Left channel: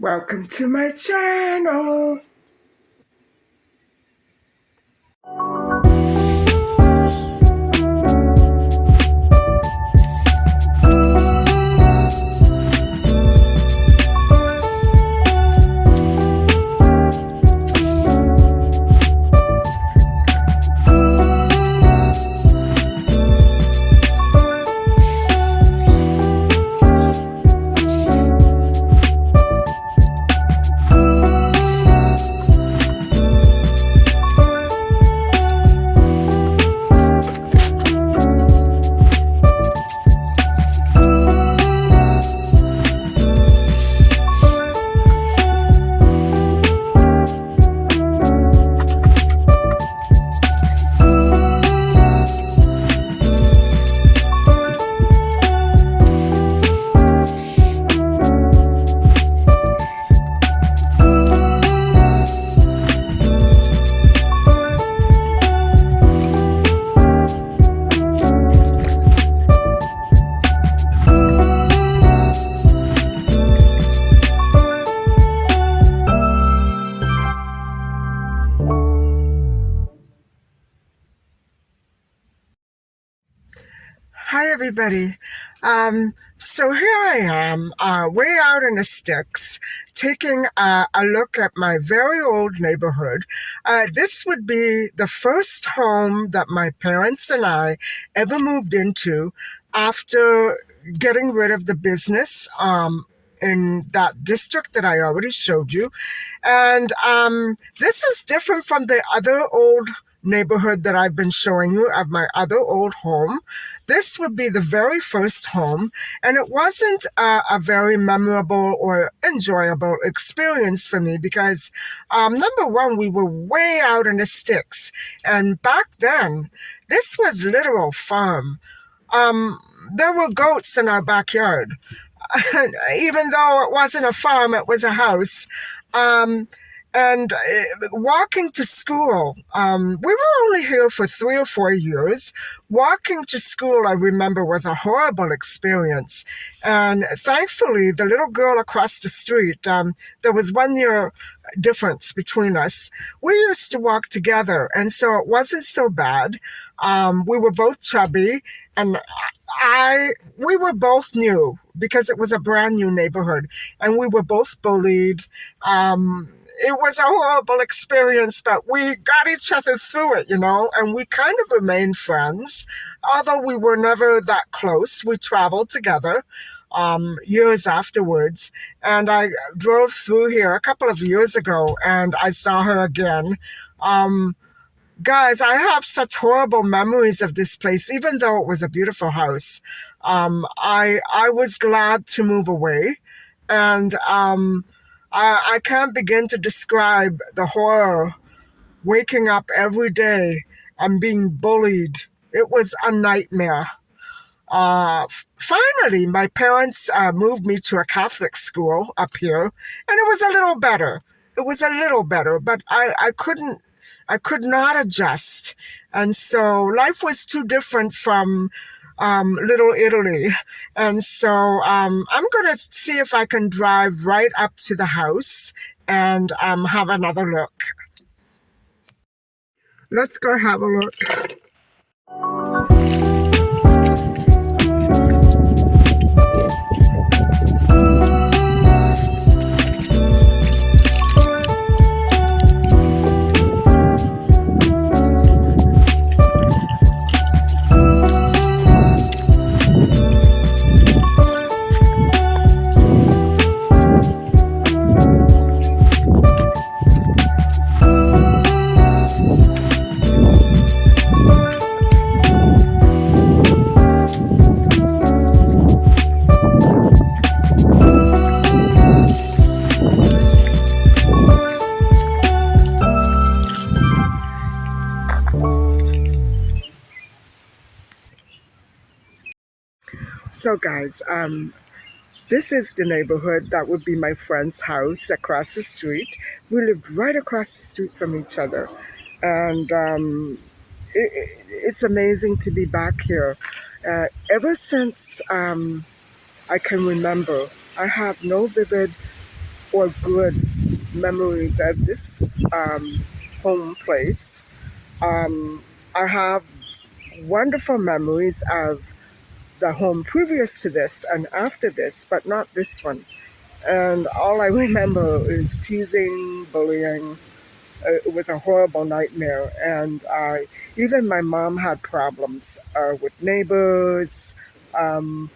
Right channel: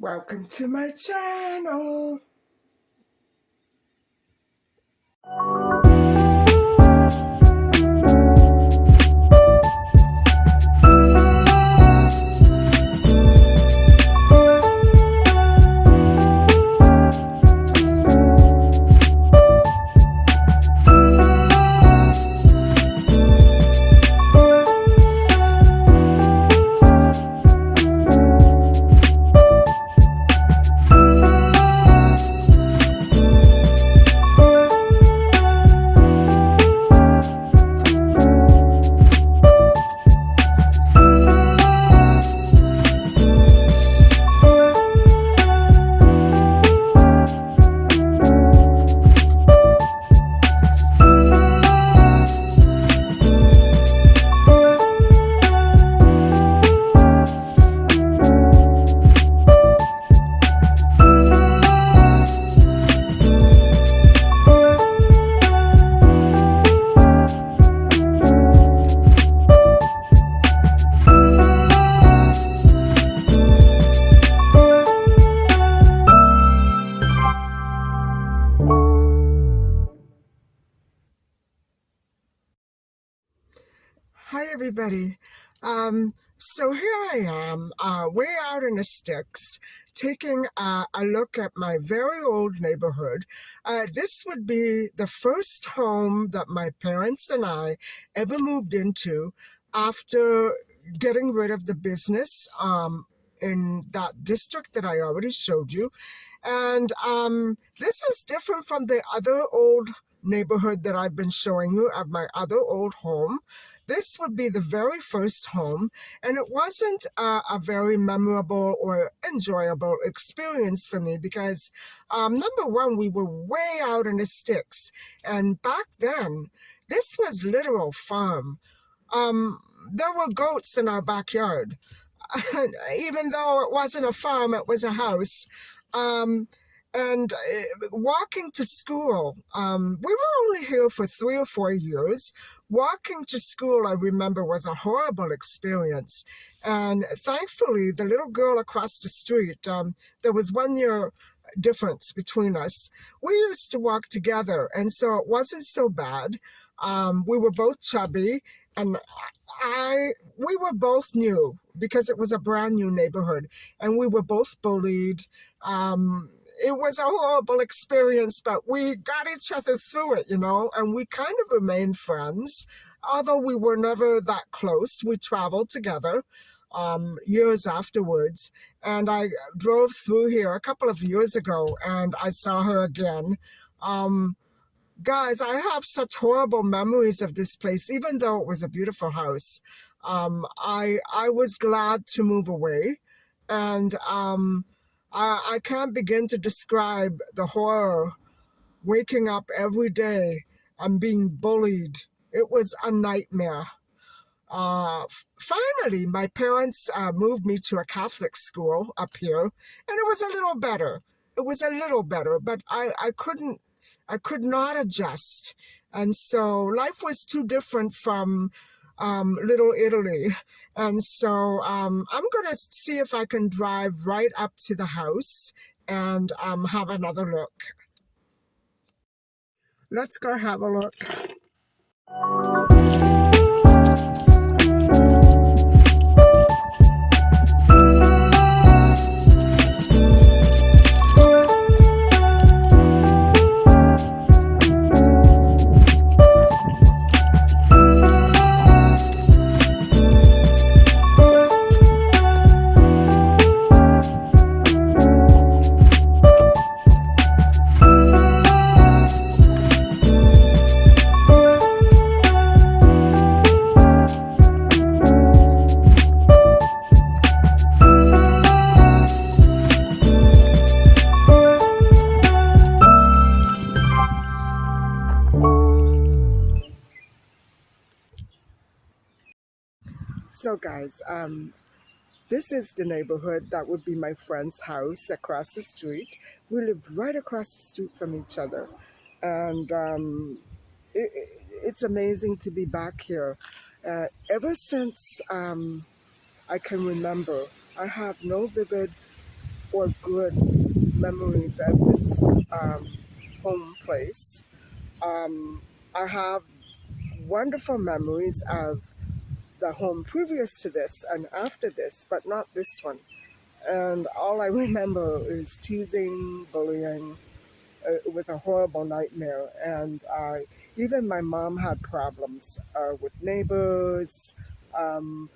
Welcome to my channel. Hi, everybody. So here I am, way out in the sticks, taking a look at my very old neighborhood. This would be the first home that my parents and I ever moved into after getting rid of the business in that district that I already showed you. And this is different from the other old neighborhood that I've been showing you of my other old home. This would be the very first home, and it wasn't a very memorable or enjoyable experience for me because, number one, we were way out in the sticks, and back then, this was literal farm. Um, there were goats in our backyard. Even though it wasn't a farm, it was a house. Um, and walking to school, we were only here for 3 or 4 years. Walking to school, I remember, was a horrible experience. And thankfully, the little girl across the street, there was 1 year difference between us. We used to walk together, and so it wasn't so bad. We were both chubby, and we were both new because it was a brand new neighborhood, and we were both bullied. It was a horrible experience, but we got each other through it, and we kind of remained friends. Although we were never that close, we traveled together years afterwards. And I drove through here a couple of years ago and I saw her again. Um, Guys, I have such horrible memories of this place, even though it was a beautiful house. I was glad to move away, and I can't begin to describe the horror waking up every day and being bullied. It was a nightmare. Finally, my parents moved me to a Catholic school up here, and it was a little better. It was a little better, but I could not adjust. And so life was too different from Little Italy. And so I'm going to see if I can drive right up to the house and have another look. Let's go have a look. So, guys, this is the neighborhood that would be my friend's house across the street. We lived right across the street from each other. And it's amazing to be back here. Ever since I can remember, I have no vivid or good memories at this home place. Um, I have wonderful memories of the home previous to this and after this, but not this one. And all I remember is teasing, bullying. It was a horrible nightmare. And even my mom had problems with neighbors. Um,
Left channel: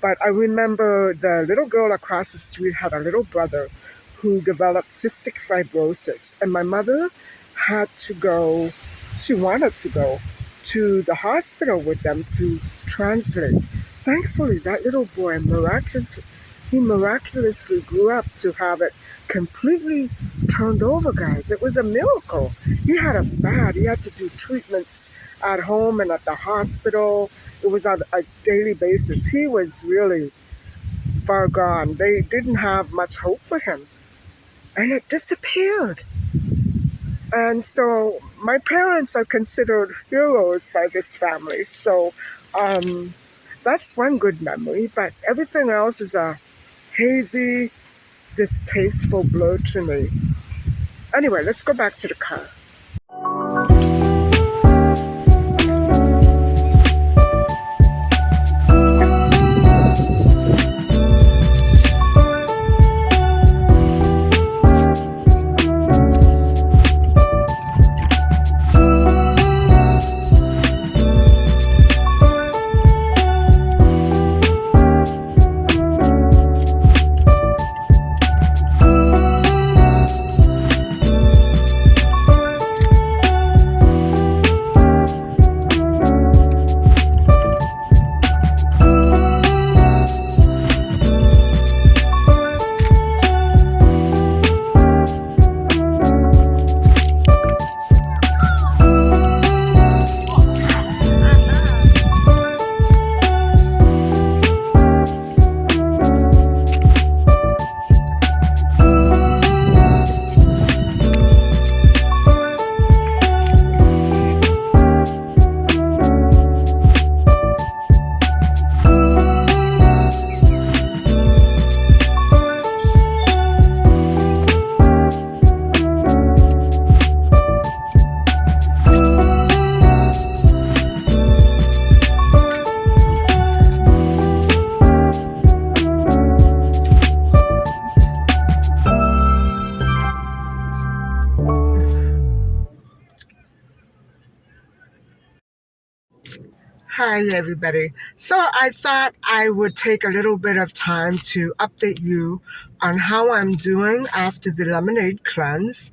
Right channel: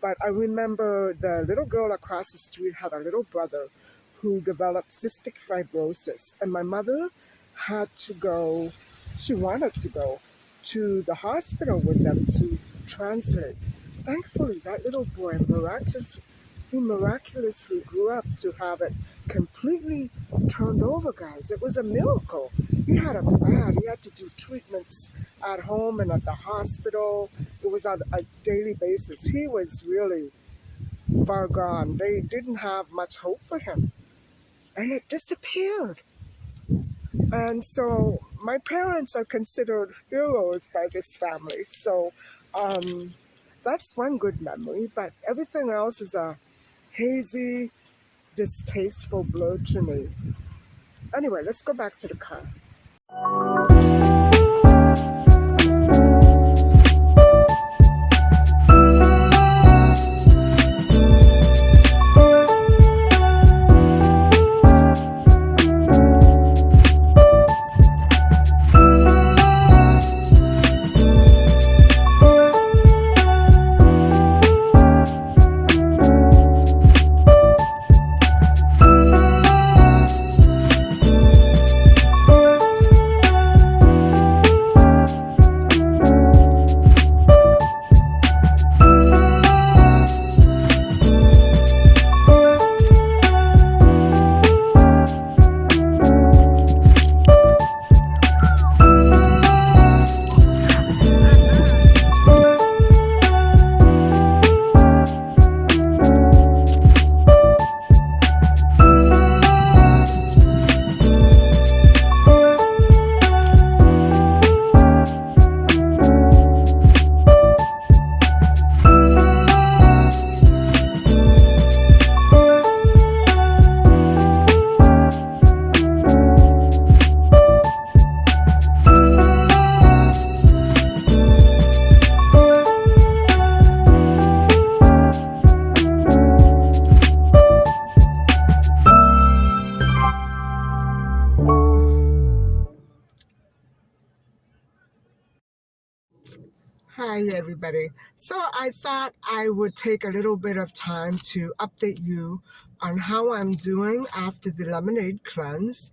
but I remember the little girl across the street had a little brother who developed cystic fibrosis. And my mother had to go, she wanted to go to the hospital with them to translate. Thankfully, that little boy he miraculously grew up to have it completely turned over, guys. It was a miracle. He had it bad. He had to do treatments at home and at the hospital. It was on a daily basis. He was really far gone. They didn't have much hope for him. And it disappeared. And so my parents are considered heroes by this family. So um, that's one good memory. But everything else is a hazy, distasteful blur to me. Anyway, let's go back to the car. Hi, everybody. So I thought I would take a little bit of time to update you on how I'm doing after the lemonade cleanse.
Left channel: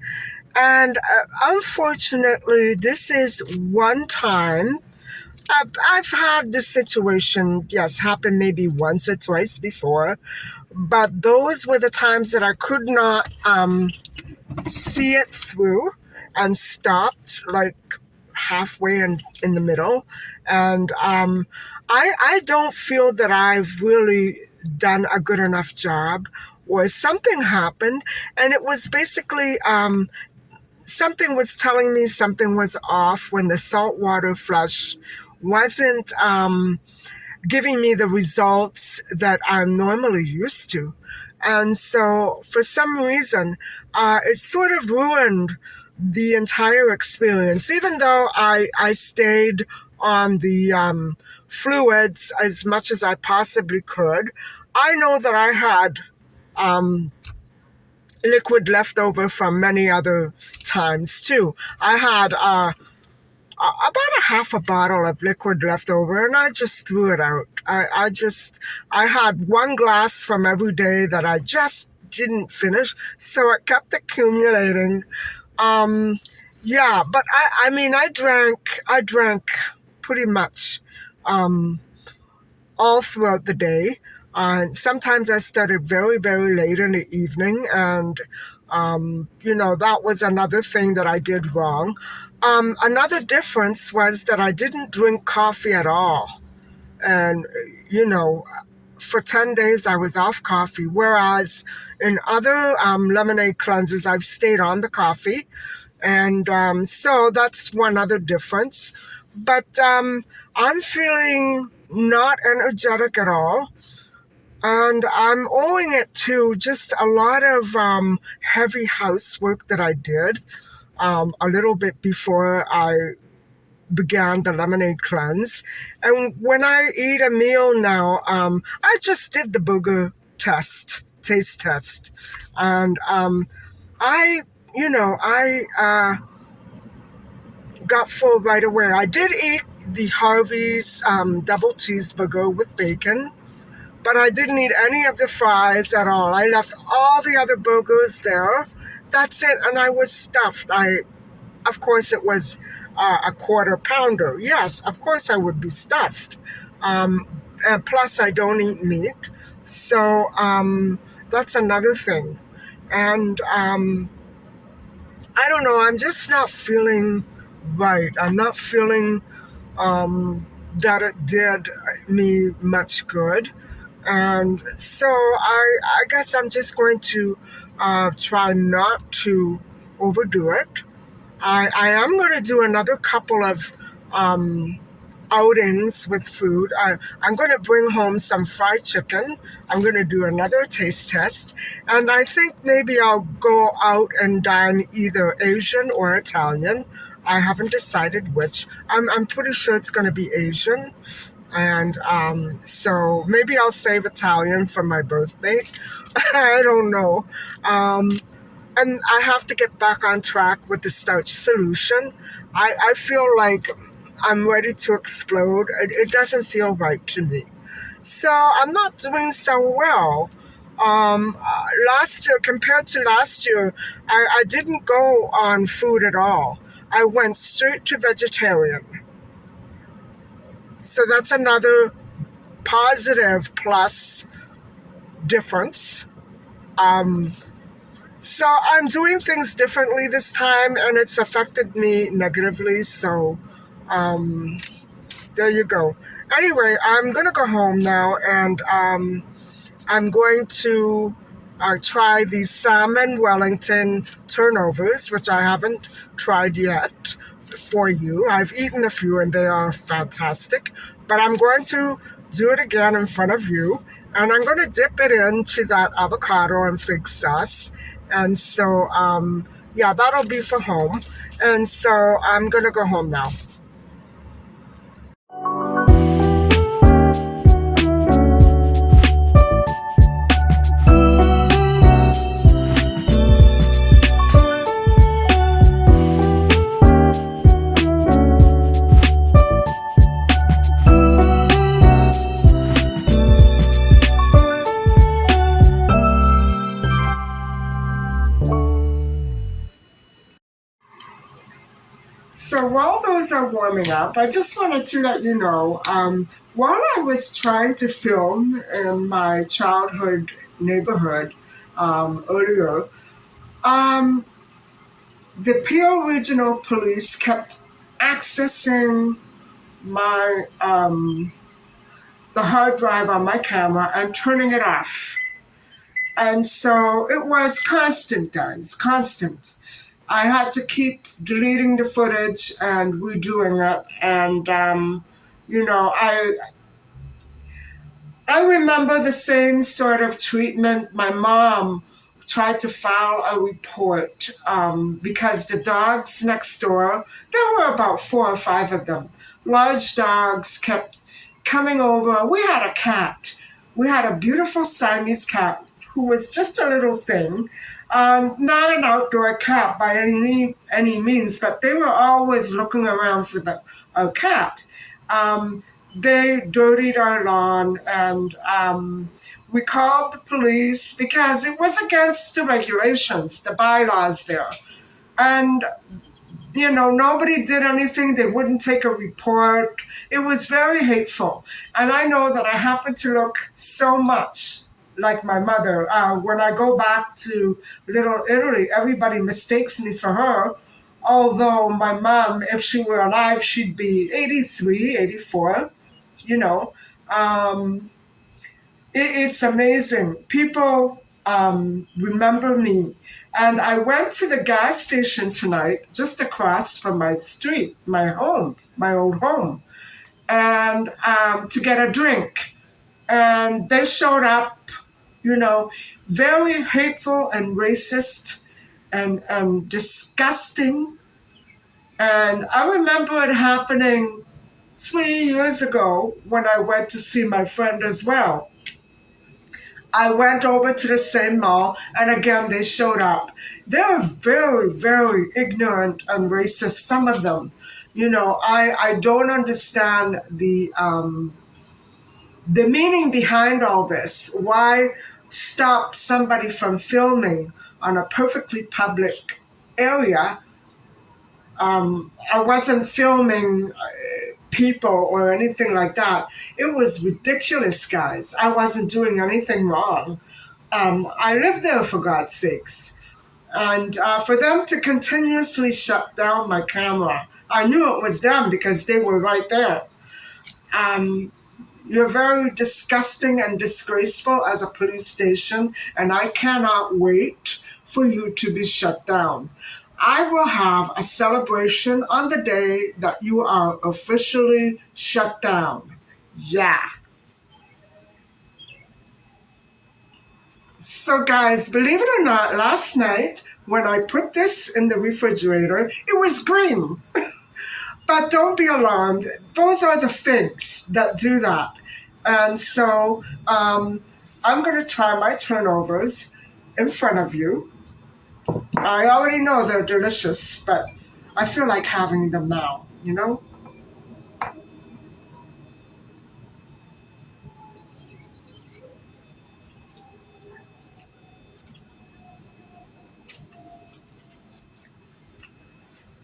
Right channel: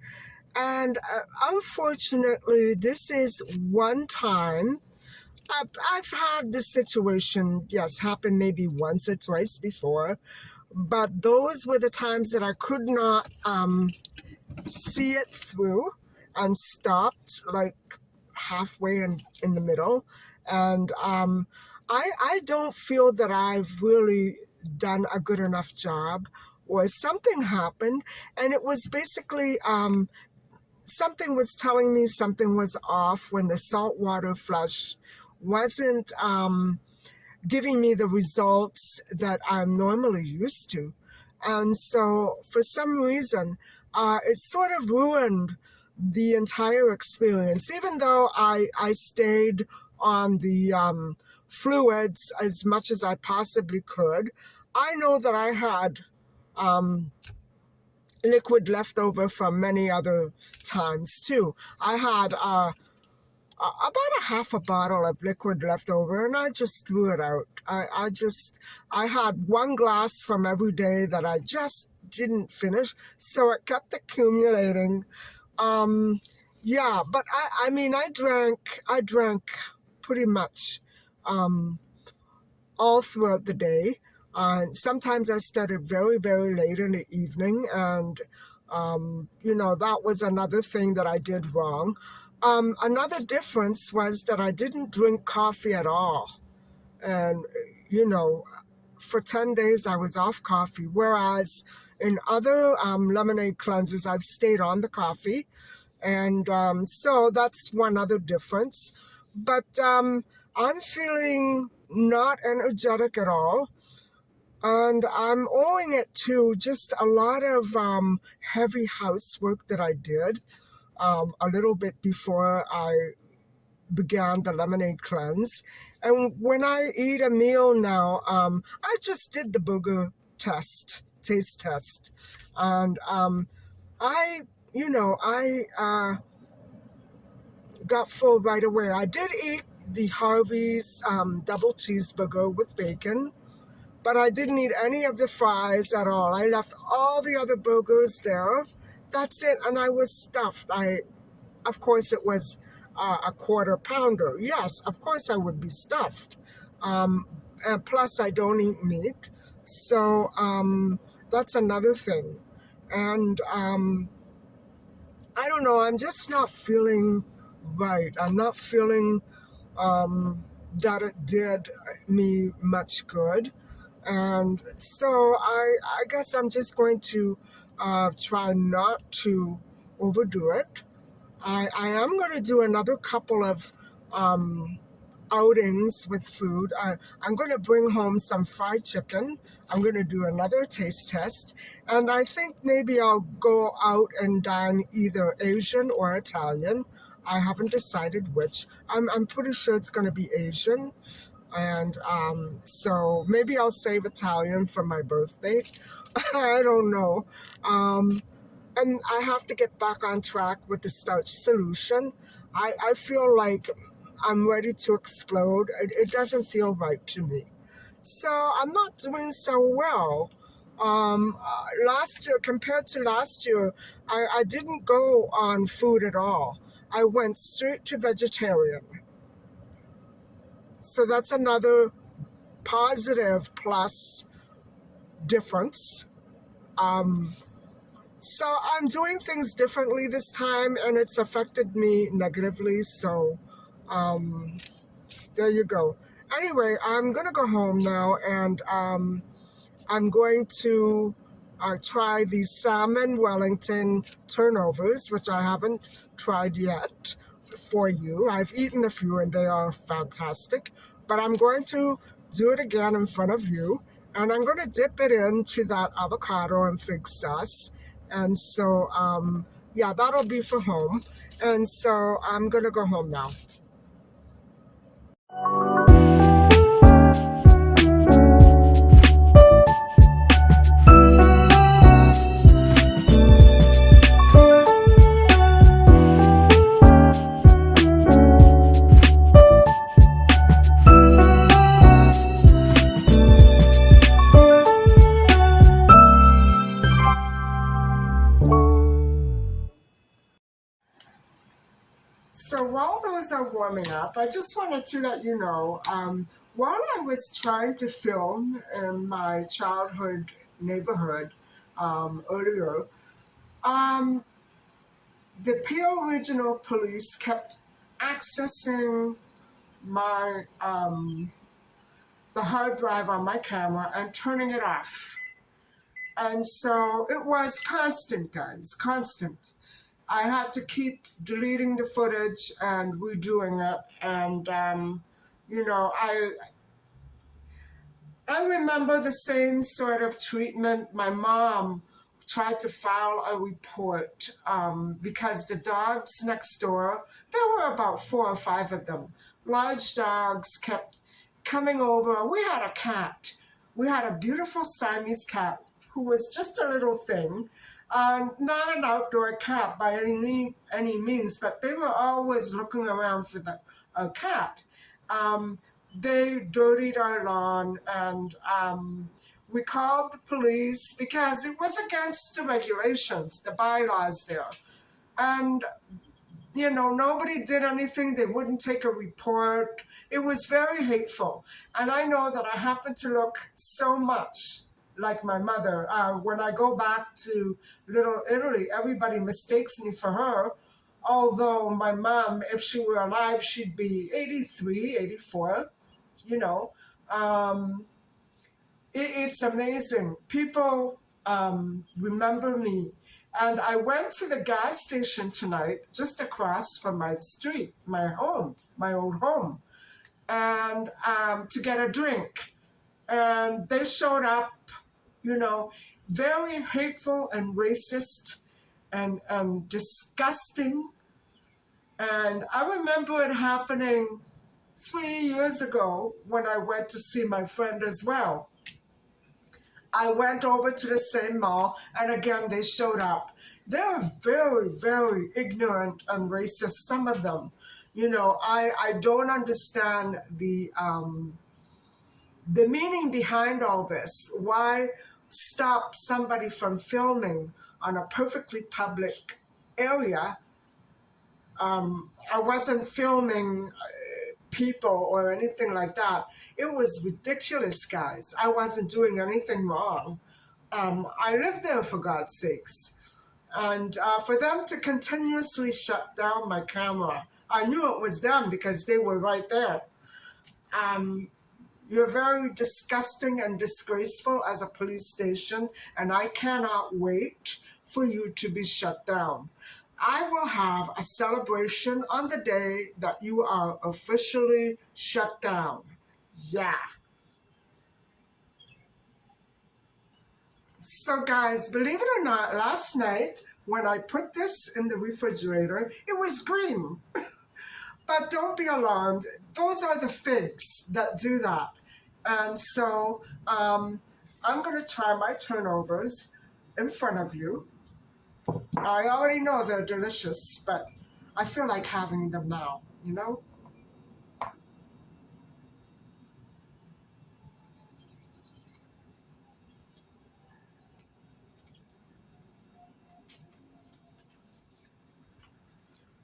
And unfortunately, this is one time. I've had this situation, yes, happen maybe once or twice before, but those were the times that I could not see it through and stopped like halfway in the middle. And I don't feel that I've really done a good enough job, or something happened. And it was basically something was telling me something was off when the saltwater flush wasn't giving me the results that I'm normally used to. And so, for some reason, it sort of ruined the entire experience, even though I stayed on the fluids as much as I possibly could. I know that I had um, liquid left over from many other times too. I had about a half a bottle of liquid left over, and I just threw it out. I had one glass from every day that I just didn't finish, so it kept accumulating. Um, yeah, but I mean, I drank pretty much um, all throughout the day. Sometimes I started very, very late in the evening, and that was another thing that I did wrong. Another difference was that I didn't drink coffee at all. And, you know, for 10 days I was off coffee, whereas in other lemonade cleanses, I've stayed on the coffee. And so that's one other difference. But I'm feeling not energetic at all. And I'm owing it to just a lot of heavy housework that I did a little bit before I began the lemonade cleanse. And when I eat a meal now, I just did the burger taste test. And I, I got full right away. I did eat the Harvey's double cheeseburger with bacon, but I didn't eat any of the fries at all. I left all the other burgers there. That's it, and I was stuffed. Of course, it was a quarter pounder. Yes, of course, I would be stuffed. Um, and plus, I don't eat meat, so that's another thing. And I don't know. I'm just not feeling right. I'm not feeling that it did me much good. And so I guess I'm just going to try not to overdo it. I am going to do another couple of um, outings with food. I'm going to bring home some fried chicken. I'm going to do another taste test. And I think maybe I'll go out and dine either Asian or Italian. I haven't decided which. I'm pretty sure it's going to be Asian. And so maybe I'll save Italian for my birthday. I don't know. Um, and I have to get back on track with the starch solution. I feel like I'm ready to explode. It doesn't feel right to me. So I'm not doing so well. Last year, compared to last year, I didn't go on food at all. I went straight to vegetarian. So that's another positive plus difference. Um, so I'm doing things differently this time, and it's affected me negatively. So um, there you go. Anyway, I'm gonna go home now, and I'm going to try the salmon Wellington turnovers, which I haven't tried yet for you. I've eaten a few and they are fantastic, but I'm going to do it again in front of you. And I'm going to dip it into that avocado and fig sauce. And so, yeah, that'll be for home. And so I'm going to go home now. So while those are warming up, I just wanted to let you know, while I was trying to film in my childhood neighborhood earlier, um, the Peel Regional Police kept accessing my the hard drive on my camera and turning it off. And so it was constant, guys, constant. I had to keep deleting the footage and redoing it. And, you know, I remember the same sort of treatment. My mom tried to file a report because the dogs next door, there were about 4 or 5 of them, large dogs kept coming over. We had a cat. We had a beautiful Siamese cat who was just a little thing. Not an outdoor cat by any means, but they were always looking around for a cat. Um, they dirtied our lawn, and we called the police because it was against the regulations, the bylaws there. And you know, nobody did anything. They wouldn't take a report. It was very hateful. And I know that I happen to look so much like my mother. When I go back to Little Italy, everybody mistakes me for her. Although my mom, if she were alive, she'd be 83, 84. You know, um, it's amazing. People remember me. And I went to the gas station tonight, just across from my street, my home, my old home, and to get a drink. and they showed up, you know, very hateful and racist and disgusting. And I remember it happening 3 years ago when I went to see my friend as well. I went over to the same mall, and again, they showed up. They're very, very ignorant and racist, some of them. I don't understand the meaning behind all this. Why stop somebody from filming on a perfectly public area? I wasn't filming people or anything like that. It was ridiculous, guys. I wasn't doing anything wrong. I lived there, for God's sakes. And for them to continuously shut down my camera, I knew it was them because they were right there. Um, you're very disgusting and disgraceful as a police station, and I cannot wait for you to be shut down. I will have a celebration on the day that you are officially shut down. Yeah. So, guys, believe it or not, last night when I put this in the refrigerator, it was green. But don't be alarmed. Those are the figs that do that. And so I'm going to try my turnovers in front of you. I already know they're delicious, but I feel like having them now, you know?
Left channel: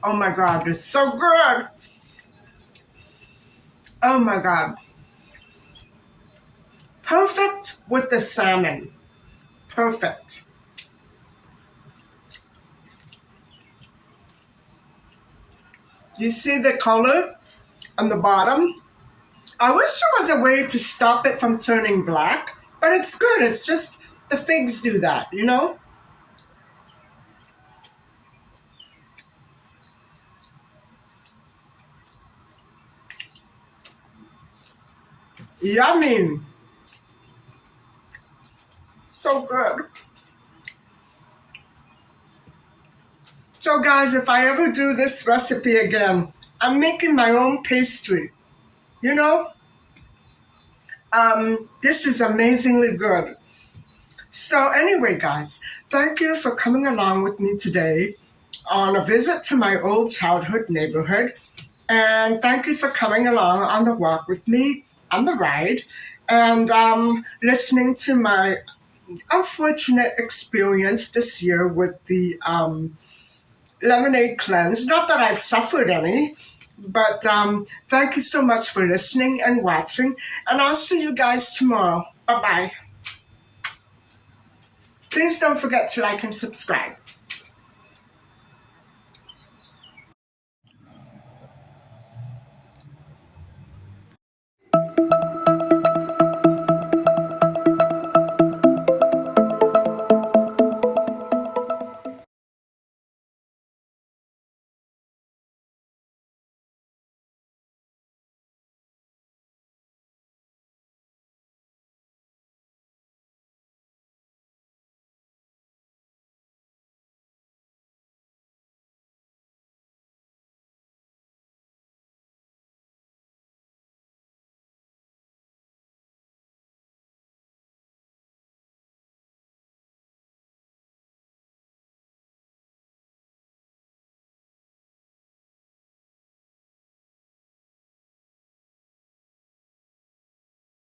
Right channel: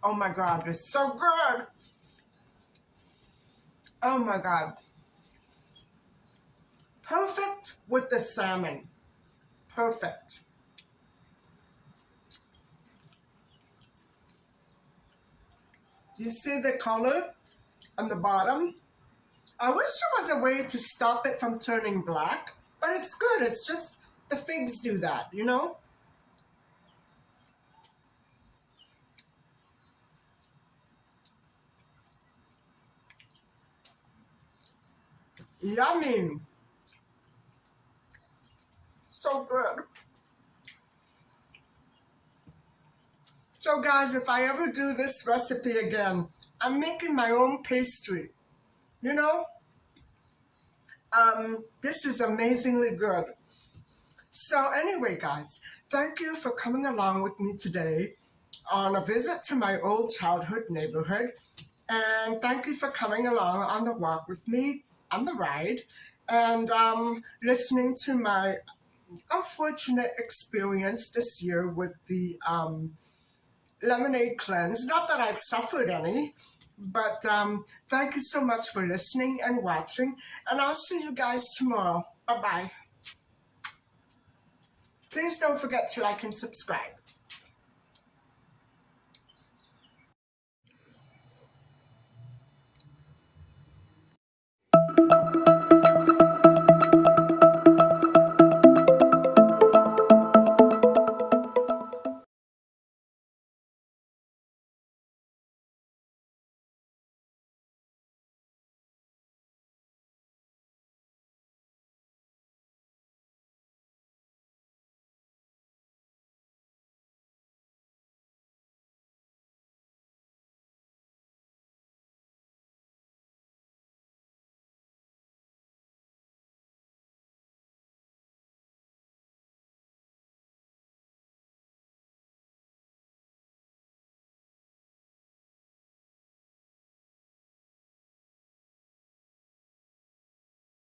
Oh my God, they're so good. Oh my God. Perfect with the salmon. Perfect. You see the color on the bottom? I wish there was a way to stop it from turning black, but it's good. It's just the figs do that, you know? Yummy. So good. So, guys, if I ever do this recipe again, I'm making my own pastry. You know, this is amazingly good. So, anyway, guys, thank you for coming along with me today on a visit to my old childhood neighborhood. And thank you for coming along on the walk with me, on the ride, and listening to my unfortunate experience this year with the lemonade cleanse. Not that I've suffered any, but thank you so much for listening and watching. And I'll see you guys tomorrow. Bye bye. Please don't forget to like and subscribe.